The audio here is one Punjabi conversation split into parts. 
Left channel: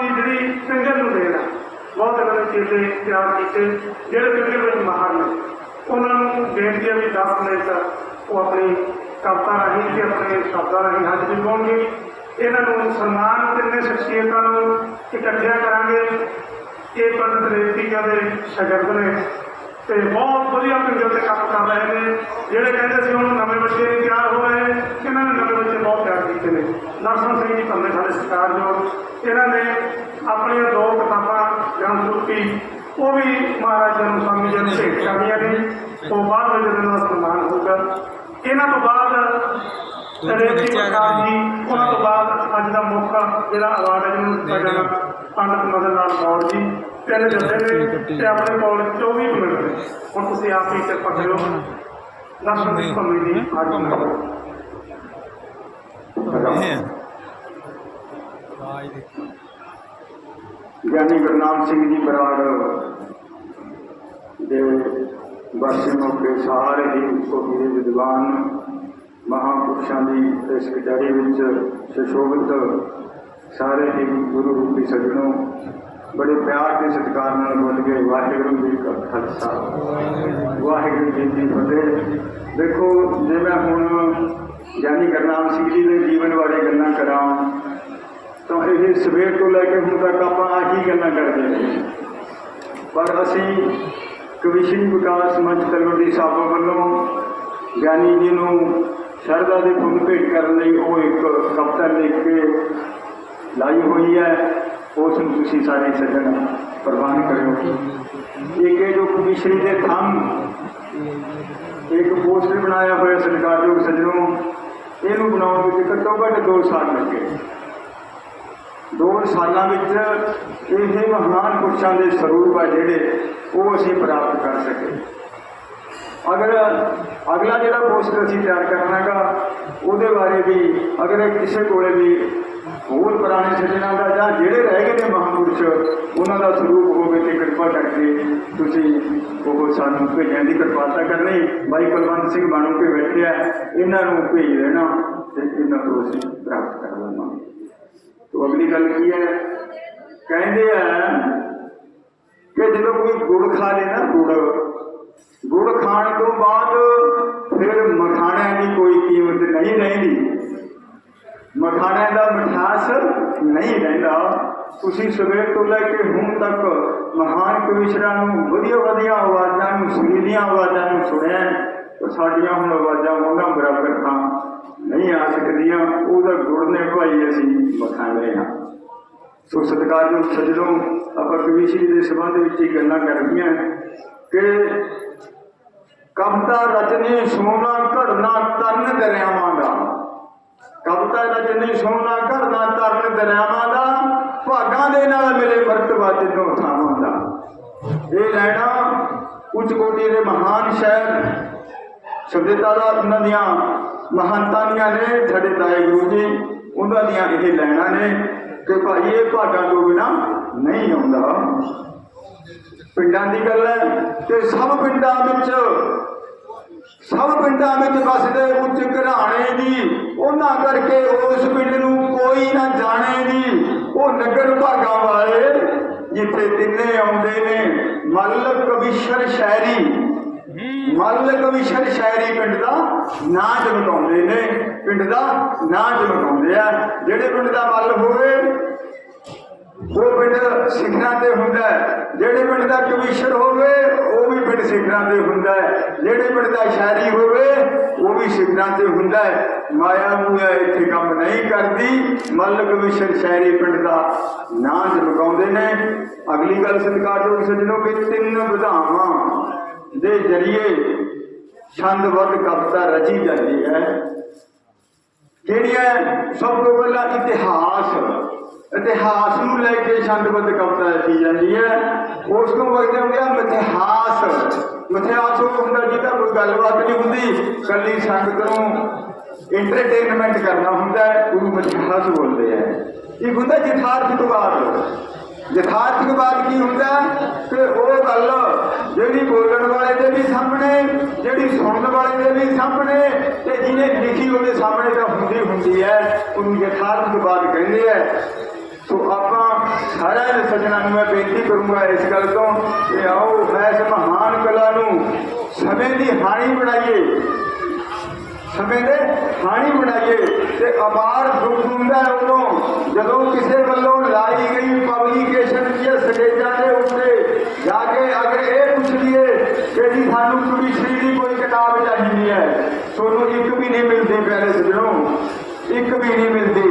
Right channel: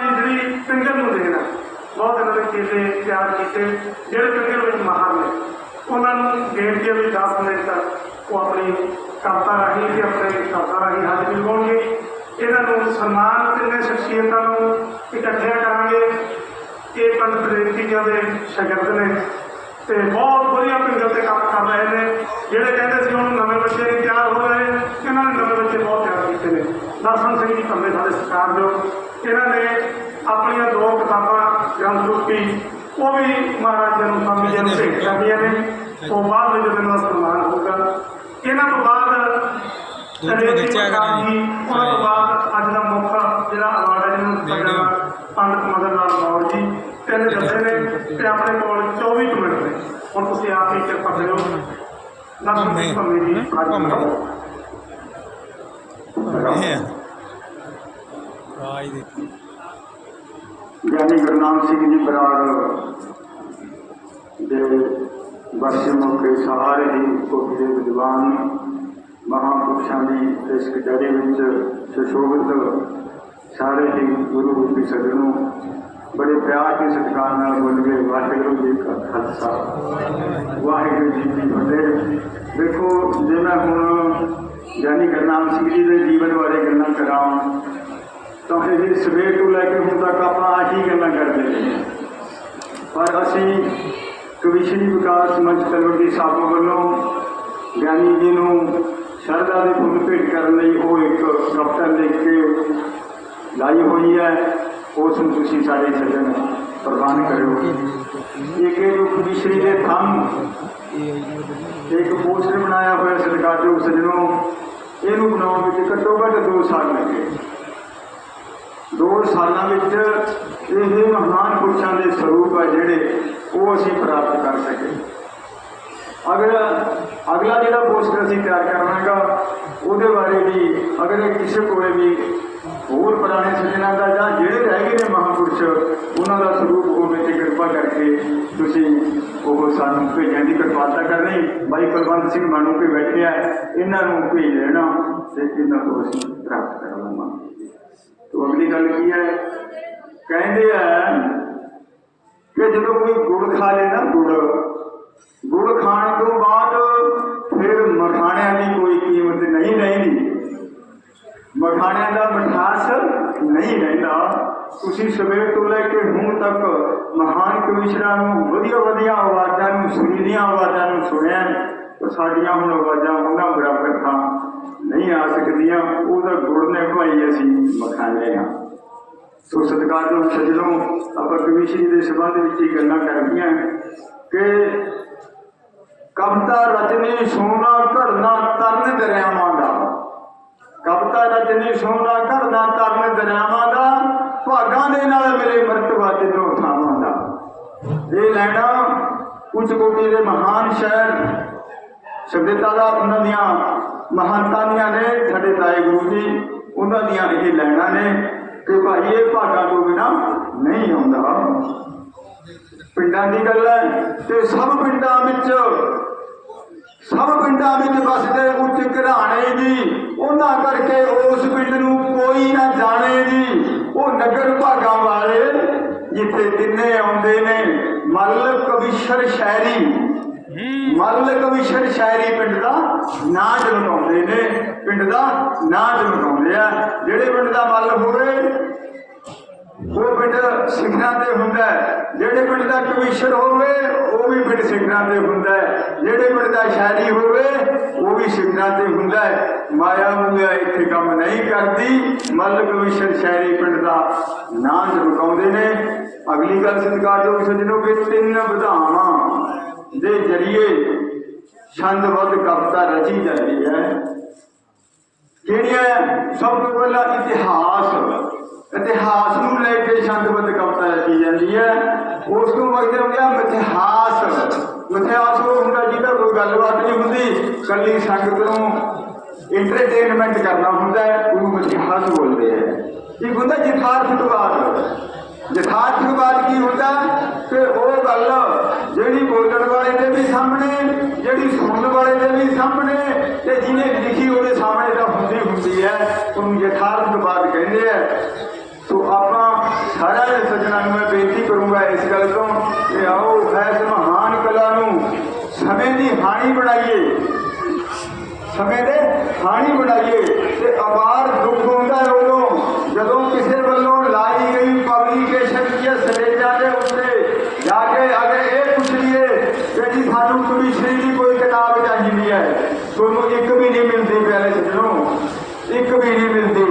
ਦੀ ਜਿਹੜੀ ਪਿੰਗਲ ਨੂੰ ਦੇਣਾ ਬਹੁਤ ਅਗਲੇ ਚੀਜ਼ੇ ਤਿਆਰ ਕੀਤੇ, ਜਿਹੜੇ ਪਿੰਗਲ ਵਿੱਚ ਮਾਹਰ ਨੇ। ਉਹਨਾਂ ਨੂੰ ਬੇਨਤੀ ਹੈ ਵੀ 10 ਮਿੰਟ ਉਹ ਆਪਣੀ ਕਵਿਤਾ ਰਾਹੀਂ ਤੇ ਆਪਣੇ ਸ਼ਬਦਾਂ ਰਾਹੀਂ ਹੱਥ ਵੀ ਪਾਉਣਗੇ ਇਹਨਾਂ ਨੂੰ ਸਨਮਾਨ ਤੇ ਇਹਨਾਂ ਸ਼ਖਸੀਅਤਾਂ ਨੂੰ ਇਕੱਠਿਆ ਕਰਾਂਗੇ। ਇਹ ਪੰਡਤ ਰੇਤੀਆਂ ਦੇ ਸ਼ਾਗਿਰਦ ਨੇ। ਤੇ ਬਹੁਤ ਵਧੀਆ ਪਿੰਗਲ ਤੇ ਕੰਮ ਕਰ ਰਹੇ ਨੇ। ਜਿਹੜੇ ਕਹਿੰਦੇ ਸੀ ਹੁਣ ਨਵੇਂ ਬੱਚੇ ਨਹੀਂ ਤਿਆਰ ਹੋ ਰਹੇ ਇਹਨਾਂ ਨੇ ਨਵੇਂ ਬੱਚੇ ਬਹੁਤ ਤਿਆਰ ਕੀਤੇ ਨੇ। ਦਰਸ਼ਨ ਸਿੰਘ ਜੀ ਪੰਨੇ ਸਾਡੇ ਸਰਕਾਰ ਜੋ ਇਹਨਾਂ ਨੇ ਆਪਣੀਆਂ ਦੋ ਕਿਤਾਬਾਂ ਗ੍ਰੰਥ ਰੂਪੀ ਉਹ ਵੀ ਮਹਾਰਾਜ ਜਨਮ ਸਵਾਮੀ ਜੀ ਨੂੰ ਭੇਟ ਕਰਦੀਆਂ ਨੇ। ਉਹ ਬਾਅਦ ਵਿੱਚ ਇਹਨਾਂ ਦਾ ਸਨਮਾਨ ਹੋਊਗਾ। ਇਹਨਾਂ ਤੋਂ ਬਾਅਦ ਜਿਹੜੇ ਪ੍ਰਕਾਰ ਜੀ ਉਹਨਾਂ ਤੋਂ ਬਾਅਦ ਅੱਜ ਦਾ ਮੁੱਖ ਜਿਹੜਾ ਅਵਾਰਡ ਹੈ ਜਿਹਨੂੰ ਪੰਡਤ ਮਦਨ ਲਾਲ ਕੌਰ ਜੀ। ਤੇਰੇ ਜੱਥੇ ਨੇ ਤੇ ਆਪਣੇ ਕੋਲ 24 ਮਿੰਟ ਨੇ। ਹੁਣ ਤੁਸੀਂ ਆਪ ਹੀ ਕਿਰਪਾ ਕਰਿਓ ਜੀ ਅੱਜ ਦਾ। ਗਿਆਨੀ ਗੁਰਨਾਮ ਸਿੰਘ ਜੀ ਬਰਾੜ ਦੇ ਵਰਸੇ ਮੌਕੇ ਸਾਰੇ ਹੀ ਕੋਟੀ ਦੇ ਵਿਦਵਾਨ ਮਹਾਂਪੁਰਸ਼ਾਂ ਦੀ ਇਸ ਕਚਹਿਰੀ ਵਿੱਚ ਸੁਸ਼ੋਭਿਤ ਸਾਰੇ ਹੀ ਗੁਰੂ ਰੂਪੀ ਸਜਣੋਂ ਬੜੇ ਪਿਆਰ ਤੇ ਸਤਿਕਾਰ ਨਾਲ ਬੋਲ ਕੇ ਵਾਹਿਗੁਰੂ ਜੀ ਕਾ ਖਾਲਸਾ। ਵਾਹਿਗੁਰੂ ਜੀ ਕੀ ਫਤਿਹ। ਦੇਖੋ, ਜੇ ਮੈਂ ਹੁਣ ਗਿਆਨੀ ਗੁਰਨਾਮ ਸਿੰਘ ਜੀ ਦੇ ਜੀਵਨ ਬਾਰੇ ਗੱਲਾਂ ਕਰਾਂ, ਤਾਂ ਇਹ ਸਵੇਰ ਤੋਂ ਲੈ ਕੇ ਹੁਣ ਤੱਕ ਆਪਾਂ ਆਹੀ ਗੱਲਾਂ ਕਰਦੇ ਰਹੇ ਪਰ ਅਸੀਂ ਕਵਿਸ਼ਰੀ ਵਿਕਾਸ ਮੰਚ ਤਲਵੰਡੀ ਸਾਬੋ ਵੱਲੋਂ ਗਿਆਨੀ ਜੀ ਨੂੰ ਸ਼ਰਧਾ ਦੇ ਫੁੱਲ ਭੇਟ ਕਰਨ ਲਈ ਉਹ ਇੱਕ ਕਵਿਤਾ ਲਿਖ ਕੇ ਲਾਈ ਹੋਈ ਹੈ। ਉਸ ਨੂੰ ਤੁਸੀਂ ਸਾਰੇ ਸੱਜਣ ਪ੍ਰਵਾਨ ਕਰਿਓ ਇੱਕ ਇਹ ਜੋ ਕਵਿਸ਼ਰੀ ਦੇ ਥੰਮ ਇੱਕ ਪੋਸਟਰ ਬਣਾਇਆ ਹੋਇਆ ਸਰਕਾਰ ਦੇ ਸੱਜਣੋਂ ਇਹਨੂੰ ਬਣਾਉਣ ਵਿੱਚ ਘੱਟੋ ਘੱਟ 2 ਸਾਲ ਲੱਗੇ ਦੋ ਸਾਲਾਂ ਵਿੱਚ ਇਹ ਮਹਾਨ ਪੁਰਸ਼ਾਂ ਦੇ ਸਰੂਪ ਆ ਜਿਹੜੇ ਉਹ ਅਸੀਂ ਪ੍ਰਾਪਤ ਕਰ ਸਕੇ ਅਗਰ ਅਗਲਾ ਜਿਹੜਾ ਪੋਸਟਰ ਅਸੀਂ ਤਿਆਰ ਕਰਨਾਗਾ ਉਹਦੇ ਬਾਰੇ ਵੀ ਅਗਰ ਇਹ ਕਿਸੇ ਕੋਲੇ ਵੀ ਹੋਰ ਪੁਰਾਣੇ ਸੱਜਣਾਂ ਦਾ ਜਾਂ ਜਿਹੜੇ ਰਹਿ ਗਏ ਨੇ ਮਹਾਂਪੁਰਸ਼, ਉਹਨਾਂ ਦਾ ਸਰੂਪ ਹੋਵੇ ਤੇ ਕਿਰਪਾ ਕਰਕੇ ਤੁਸੀਂ ਉਹ ਸਾਨੂੰ ਭੇਜਣ ਦੀ ਕਿਰਪਾਲਤਾ ਕਰਨੀ ਬਾਈ ਕੁਲਵੰਤ ਸਿੰਘ ਬਾਣੋ ਕੇ ਬੈਠਿਆ ਇਹਨਾਂ ਨੂੰ ਭੇਜ ਦੇਣਾ ਤੇ ਇਹਨਾਂ ਤੋਂ ਅਸੀਂ ਪ੍ਰਾਪਤ ਕਰ ਲੈਣਾ ਤੋ ਅਗਲੀ ਗੱਲ ਕੀ ਹੈ? ਕਹਿੰਦੇ ਆ ਕਿ ਜਦੋਂ ਕੋਈ ਗੁੜ ਖਾ ਲੇ ਨਾ ਗੁੜ ਗੁੜ ਖਾਣ ਤੋਂ ਬਾਅਦ ਫਿਰ ਮਖਾਣਿਆਂ ਦੀ ਕੋਈ ਕੀਮਤ ਨਹੀਂ ਰਹਿੰਦੀ ਮਖਾਣਿਆਂ ਦਾ ਮਿਠਾਸ ਨਹੀਂ ਰਹਿੰਦਾ ਤੁਸੀਂ ਸਵੇਰ ਤੋਂ ਲੈ ਕੇ ਹੁਣ ਤੱਕ ਮਹਾਨ ਕਵਿਸ਼ਰਾਂ ਨੂੰ ਵਧੀਆ ਵਧੀਆ ਆਵਾਜ਼ਾਂ ਨੂੰ ਸੁਰੀਲੀਆਂ ਆਵਾਜ਼ਾਂ ਨੂੰ ਸੁਣਿਆ ਪਰ ਸਾਡੀਆਂ ਹੁਣ ਆਵਾਜ਼ਾਂ ਉਹਨਾਂ ਬਰਾਬਰ ਤਾਂ ਨਹੀਂ ਆ ਸਕਦੀਆਂ। ਉਹਦਾ ਗੁੜ ਨੇ ਭਾਈ ਅਸੀਂ ਮਖਾਣੇ ਆ ਸੋ ਸਤਿਕਾਰਯੋਗ ਸੱਜਣੋਂ, ਆਪਾਂ ਕਵਿਸ਼ਰੀ ਦੇ ਸੰਬੰਧ ਵਿੱਚ ਇਹ ਗੱਲਾਂ ਕਰਨੀਆਂ ਕਿ ਕਵਿਤਾ ਰਚਨੀ, ਸੋਨਾ, ਘੜਨਾ, ਤਨ ਦਰਿਆਵਾਂ ਦਾ। ਕਵਿਤਾ ਰਚਨੀ ਸੋਨਾ ਘੜਨਾ ਤਰਨ ਦਰਿਆਵਾਂ ਦਾ, ਭਾਗਾਂ ਦੇ ਨਾਲ ਮਿਲੇ ਮਰਤਬਾ ਤਿੰਨੋਂ ਥਾਵਾਂ ਦਾ। ਇਹ ਲੈਣਾ ਉੱਚ ਕੋਟੀ ਦੇ ਮਹਾਨ ਸ਼ਾਇਰ ਸਭਿਅਤਾ ਦਾ ਉਹਨਾਂ ਦੀਆਂ ਮਹਾਨਤਾ ਦੀਆਂ ਨੇ, ਸਾਡੇ ਤਾਏ ਗੁਰੂ ਜੀ, ਉਹਨਾਂ ਦੀਆਂ ਇਹ ਲੈਣਾ ਨੇ ਕਿ ਭਾਈ ਇਹ ਭਾਗਾਂ ਤੋਂ ਬਿਨਾ ਨਹੀਂ ਆਉਂਦਾ। ਪਿੰਡਾਂ ਦੀ ਗੱਲ ਹੈ ਤੇ ਸਭ ਪਿੰਡਾਂ ਵਿੱਚ, ਸਭ ਪਿੰਡਾਂ ਵਿੱਚ ਵਸਦੇ ਉੱਚ ਘਰਾਣੇ ਦੀ ਉਹਨਾਂ ਉਸ ਪਿੰਡ ਨੂੰ ਕੋਈ ਨਾ ਜਾਣੇ ਜੀ। ਉਹ ਨਗਰ ਭਾਗਾਂ ਵਾਲੇ ਜਿੱਥੇ ਤਿੰਨੇ ਆਉਂਦੇ ਨੇ, ਮੱਲ ਕਵਿਸ਼ਰ ਸ਼ਾਇਰੀ। ਮੱਲ ਕਵਿਸ਼ਰ ਸ਼ਾਇਰੀ ਪਿੰਡ ਦਾ ਨਾਂ ਜਮਕਾਉਂਦੇ ਨੇ। ਪਿੰਡ ਦਾ ਨਾਂ ਜਮਕਾਉਂਦੇ ਆ। ਜਿਹੜੇ ਪਿੰਡ ਦਾ ਮੱਲ ਹੋਵੇ, ਉਹ ਪਿੰਡ ਸਿਖਰਾਂ ਤੇ ਹੁੰਦਾ ਜਿਹੜੇ ਪਿੰਡ ਦਾ ਕਵਿਸ਼ਰ ਹੋਵੇ, ਉਹ ਵੀ ਪਿੰਡ ਸਿਖਰਾਂ ਤੇ ਹੁੰਦਾ ਜਿਹੜੇ ਪਿੰਡ ਦਾ ਸ਼ਾਇਰੀ ਹੋਵੇ, ਉਹ ਵੀ ਸਿਖਰਾਂ ਤੇ ਹੁੰਦਾ ਮਾਇਆ ਮੂਇਆ ਇੱਥੇ ਕੰਮ ਨਹੀਂ ਕਰਦੀ। ਮੱਲ ਕਵੀਸ਼ਰ ਸ਼ਾਇਰੀ ਪਿੰਡ ਦਾ ਨਾਂ ਜਮਕਾਉਂਦੇ ਨੇ, ਅਗਲੀ ਗੱਲ ਸਤਿਕਾਰ ਜੋ ਸੱਜਣੋ ਕਿ ਤਿੰਨ ਵਿਧਾਵਾਂ ਦੇ ਜਰੀਏ ਛੰਦਬੱਧ ਕਵਿਤਾ ਰਚੀ ਜਾਂਦੀ ਹੈ। ਜਿਹੜੀਆਂ ਸਭ ਤੋਂ ਪਹਿਲਾਂ ਇਤਿਹਾਸ। ਇਤਿਹਾਸ ਨੂੰ ਲੈ ਕੇ ਛੰਦਬੱਧ ਕਵਿਤਾ ਰਚੀ ਜਾਂਦੀ ਹੈ। ਉਸ ਤੋਂ ਬਾਅਦ ਹੋ? ਮਿਥਿਹਾਸ। ਮਿਥਿਹਾਸ ਉਹ ਹੁੰਦਾ ਜਿਹਦਾ ਕੋਈ ਗੱਲਬਾਤ ਨਹੀਂ ਹੁੰਦੀ। ਕੱਲੀ ਸੰਗਤ ਨੂੰ ਇੰਟਰਟੇਨਮੈਂਟ ਕਰਨਾ ਹੁੰਦਾ ਹੈ ਉਹਨੂੰ ਮਿਥਿਹਾਸ ਬੋਲਦੇ ਆ। ਇੱਕ ਹੁੰਦਾ ਯਥਾਰਥਕਵਾਦ ਯਥਾਰਥਕਵਾਦ ਕੀ ਹੁੰਦਾ? ਕਿ ਉਹ ਗੱਲ ਜਿਹੜੀ ਬੋਲਣ ਵਾਲੇ ਦੇ ਵੀ ਸਾਹਮਣੇ, ਜਿਹੜੀ ਸੁਣਨ ਵਾਲੇ ਦੇ ਵੀ ਸਾਹਮਣੇ, ਤੇ ਜਿਹਨੇ ਲਿਖੀ ਉਹਦੇ ਸਾਹਮਣੇ ਤਾਂ ਹੁੰਦੀ ਹੁੰਦੀ ਹੈ ਉਹਨੂੰ ਯਥਾਰਥਕਵਾਦ ਕਹਿੰਦੇ ਆ ਸੋ ਆਪਾਂ ਦੀ ਹਾਣੀ ਬਣਾਈਏ ਸਮੇਂ ਦੇ ਹਾਣੀ ਬਣਾਈਏ ਤੇ ਅਪਾਰ ਦੁੱਖ ਹੁੰਦਾ ਹੈ ਉਦੋਂ ਜਦੋਂ ਕਿਸੇ ਵੱਲੋਂ ਲਾਈ ਗਈ ਪਬਲੀਕੇਸ਼ਨ ਦੀਆਂ ਸਟੇਜਾਂ ਦੇ ਉੱਤੇ ਜਾ ਕੇ ਅਗਰ ਇਹ ਪੁੱਛ ਲਈਏ ਕਿ ਜੀ ਸਾਨੂੰ ਕੁੜੀ ਸ਼੍ਰੀ ਦੀ ਕੋਈ ਕਿਤਾਬ ਚਾਹੀਦੀ ਹੈ ਤੁਹਾਨੂੰ ਇੱਕ ਵੀ ਨਹੀਂ ਮਿਲਦੀ ਪਹਿਲੇ ਸੱਜਣੋ ਇੱਕ ਵੀ ਨਹੀਂ ਮਿਲਦੀ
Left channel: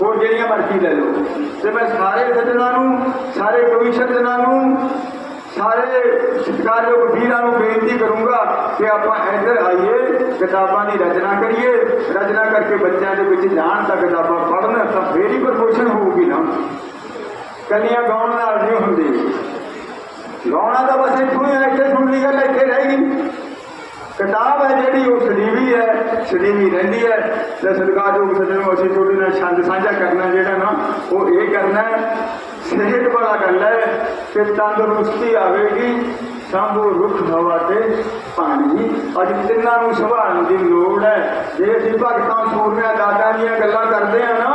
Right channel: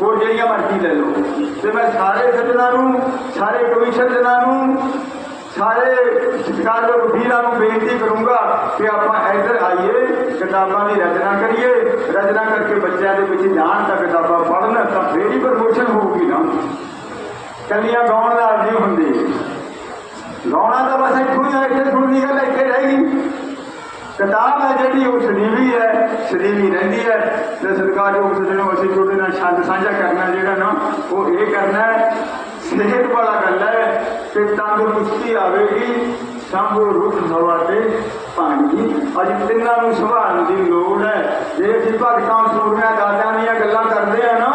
ਹੋਰ ਜਿਹੜੀਆਂ ਮਰਜ਼ੀ ਲੈ ਲਓ ਤੇ ਮੈਂ ਸਾਰੇ ਸੱਜਣਾਂ ਨੂੰ ਸਾਰੇ ਕਮਿਸ਼ਨ ਜਨਾਂ ਨੂੰ ਸਾਰੇ ਸਤਿਕਾਰਯੋਗ ਵੀਰਾਂ ਨੂੰ ਬੇਨਤੀ ਕਰੂੰਗਾ ਕਿ ਆਪਾਂ ਇੱਧਰ ਆਈਏ ਕਿਤਾਬਾਂ ਦੀ ਰਚਨਾ ਕਰੀਏ ਰਚਨਾ ਕਰਕੇ ਬੱਚਿਆਂ ਦੇ ਵਿੱਚ ਜਾਣ ਤਾਂ ਕਿਤਾਬਾਂ ਪੜ੍ਹਨ ਤਾਂ ਫੇਰ ਹੀ ਪ੍ਰਮੋਸ਼ਨ ਹੋਊਗੀ ਨਾ ਕੱਲੀਆਂ ਗਾਉਣ ਨਾਲ ਨਹੀਂ ਹੁੰਦੀ। ਗਾਉਣਾ ਤਾਂ ਬਸ ਇੱਥੋਂ ਹੀ ਇੱਥੇ ਸੁਣਦੀ ਗੱਲ ਇੱਥੇ ਰਹੇਗੀ ਕਿਤਾਬ ਹੈ ਜਿਹੜੀ, ਉਹ ਸਦੀਵੀ ਹੈ ਸਦੀਵੀ ਰਹਿੰਦੀ ਹੈ। ਤੇ ਸਤਿਕਾਰਯੋਗ ਸੱਜਣੋ, ਅਸੀਂ ਤੁਹਾਡੇ ਨਾਲ ਛੰਦ ਸਾਂਝਾ ਕਰਨਾ ਜਿਹੜਾ ਨਾ, ਉਹ ਇਹ ਕਰਨਾ ਸਿਹਤ ਵਾਲਾ ਗੱਲ ਹੈ ਕਿ ਤੰਦਰੁਸਤੀ ਆਵੇਗੀ ਸਾਹੋ ਰੁੱਖ ਹਵਾ ਤੇ ਪਾਣੀ ਅੱਜ ਤਿੰਨਾਂ ਨੂੰ ਸੰਭਾਲਣ ਦੀ ਲੋੜ ਹੈ। ਜੇ ਅਸੀਂ ਭਗਤਾਂ ਸੂਰਮਿਆਂ ਦਾਦਿਆਂ ਦੀਆਂ ਗੱਲਾਂ ਕਰਦੇ ਆ ਨਾ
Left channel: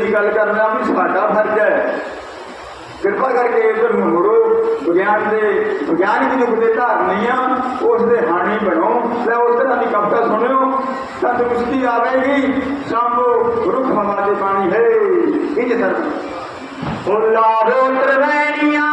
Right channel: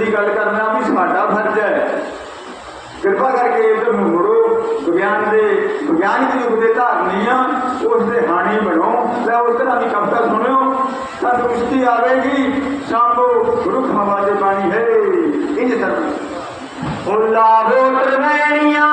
ਦੀ ਗੱਲ ਕਰਨਾ ਵੀ ਸਾਡਾ ਫਰਜ਼ ਹੈ। ਕਿਰਪਾ ਕਰਕੇ ਇਧਰ ਨੂੰ ਮੁੜੋ। ਵਿਗਿਆਨ ਦੇ ਵਿਗਿਆਨਿਕ ਯੁੱਗ ਦੇ ਧਾਰਨੀਆਂ ਉਸ ਦੇ ਹਾਣੀ ਬਣੋ। ਤੇ ਉਸ ਤਰ੍ਹਾਂ ਦੀ ਕਵਿਤਾ ਸੁਣਿਓ। ਤਾਂ ਦਰੁਸਤੀ ਆਵੇਗੀ। ਸ਼ਾਮੋ ਰੁੱਖ ਹਵਾ ਦੇ ਪਾਣੀ। ਹੈ ਇੰਜ ਸਰ ਉਹ ਲਾਵੋ ਤਰਵੈਣੀਆਂ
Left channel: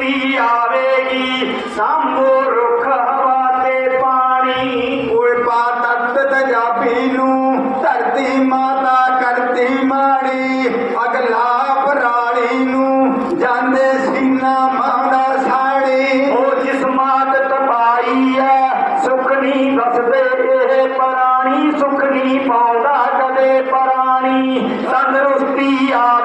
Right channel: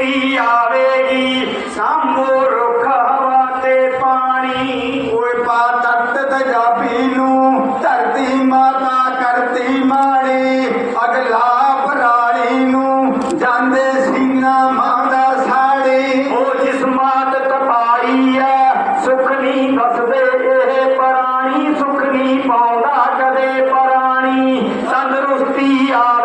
ਤੰਦਰੁਸਤੀ ਆਵੇਗੀ। ਸਾਂਭੋ ਰੁੱਖ ਹਵਾ ਤੇ ਪਾਣੀ। ਓਏ ਪਾ ਤਖਤ ਤਜਾਬੀ ਨੂੰ ਧਰਤੀ ਮਾਤਾ ਕਰਤੀ ਮਾਣੀ ਅਗਲਾ ਪਰਾਲੀ ਨੂੰ ਜਾਂਦੇ ਸੀਨਾ ਮਾਂਦਾ ਸਾੜੀ। ਉਹ ਜਿਸ ਮਾਤ ਤਪਾਈ ਆ ਸੁਖ ਨਹੀਂ ਵਸਦੇ ਇਹ ਪ੍ਰਾਣੀ। ਸੁਖ ਨਹੀਂ ਪਾਉਂਦਾ ਕਦੇ ਪ੍ਰਾਣੀ। ਤੰਦਰੁਸਤੀ ਆਵੇਗੀ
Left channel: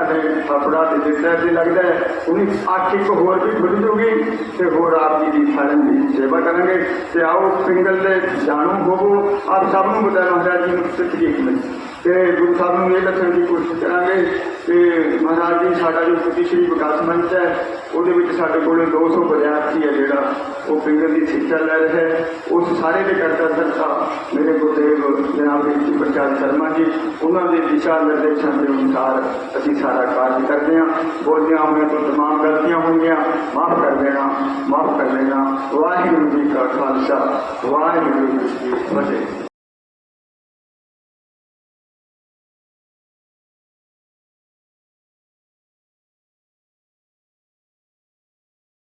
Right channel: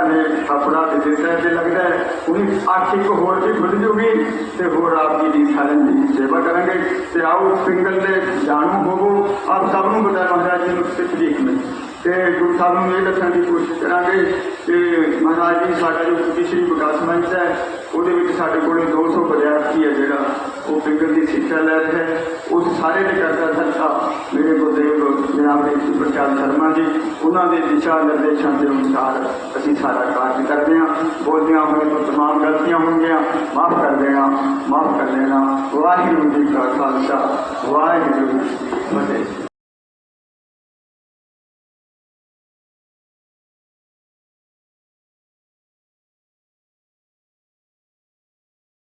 ਜਿਨ੍ਹਾਂ ਨੇ ਆਪਣਾ ਤੇ ਦਿੱਤਾ ਤੇ ਲੱਗਦਾ ਹੈ, ਉਹਦੀ ਅੱਖ ਇੱਕ ਹੋਰ ਵੀ ਖੁੱਲ ਜੂਗੀ ਤੇ ਹੋਰ ਆਪ ਜੀ ਦੀ ਸਾਰਿਆਂ ਦੀ ਸੇਵਾ ਕਰਾਂਗੇ। ਤੇ ਆਓ ਪਿੰਗਲ ਦੇ ਜਾਣੂ ਹੋਵੋ, ਆਪ ਸਭ ਨੂੰ ਬਤਾ ਮਹਾਰਾਜ ਜੀ ਨੂੰ ਸੱਚੀ ਮਿਲ ਤੇ ਗੁਰੂ ਸਾਹਿਬ ਨੂੰ ਇਹ ਦੱਸਣ ਦੀ ਕੋਸ਼ਿਸ਼ ਕਰਾਂਗੇ ਕਿ ਮਹਾਰਾਜ ਜੀ, ਸਾਡਾ ਜੋ ਸ੍ਰੀ ਸ਼੍ਰੀ ਵਿਕਾਸ ਮੰਚ ਹੈ, ਉਹਦੇ ਵਿੱਚ ਸਾਡੇ ਕੋਲ 200 ਵਿਦਿਆਰਥੀ ਹੈ ਜਿਹੜਾ ਉਹ ਪਿੰਗਲ ਦੀ ਸਿੱਖਿਆ ਲੈ ਰਿਹਾ ਉਸ ਸਾਰੇ ਦੇ ਕਰਤਾ ਸੰਤਾ ਜਨਾਬ ਜੀ ਪ੍ਰਕਾਸ਼ ਸ਼ਰਮਾ ਜੀ। ਉਹਨਾਂ ਦੇ ਦਿਸ਼ਾ ਨਿਰਦੇਸ਼ਾਂ ਦੇ ਅਨੁਸਾਰ ਅਸੀਂ ਸਾਰਾ ਕਾਰਜ ਕਰਦੇ ਹਾਂ। ਬੋਲਦਿਆਂ ਹੋਏ ਤੋਂ ਤਮਾਮ ਗਲਤੀਆਂ ਹੋਣਗੀਆਂ। ਮਾਫ ਕਰ ਦੇਣਾ, ਮਾਫ ਕਰ ਦੇਣਾ। ਵਾਹਿਗੁਰੂ ਜੀ ਕਾ ਖਾਲਸਾ, ਵਾਹਿਗੁਰੂ ਜੀ ਕੀ ਫਤਿਹ।